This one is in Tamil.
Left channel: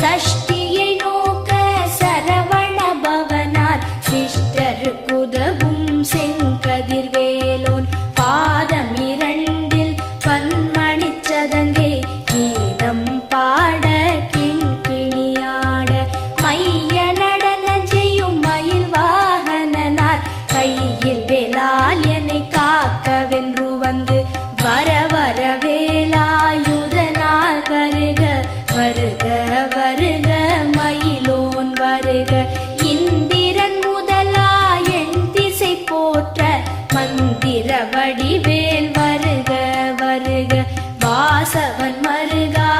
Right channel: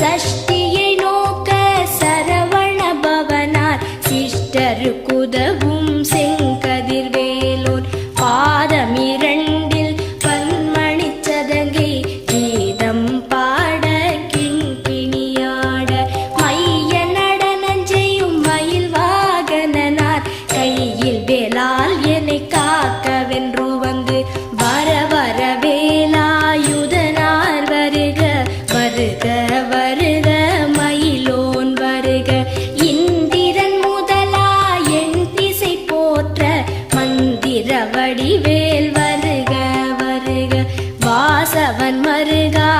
சஷ்டியை நோக்க சரவண பவனார் சிஷ்டருக்குதவும் செங்கதிர்வேலோன் பாதமிரண்டில் பன்மணிச் சதங்கை கீதம் பாட கிண்கிணியாட மைய நடன செய்யும் மயில் வாகனனார் கையில் வேலால் என்னை காக்கவென்று வந்து வர வர வேலாயுதனார் வருக வருக வருக மயிலோன் வருக இந்திரன் முதலா என் திசை போற்ற மந்திர வடிவேல் வருக வருக வாசவன் மருகா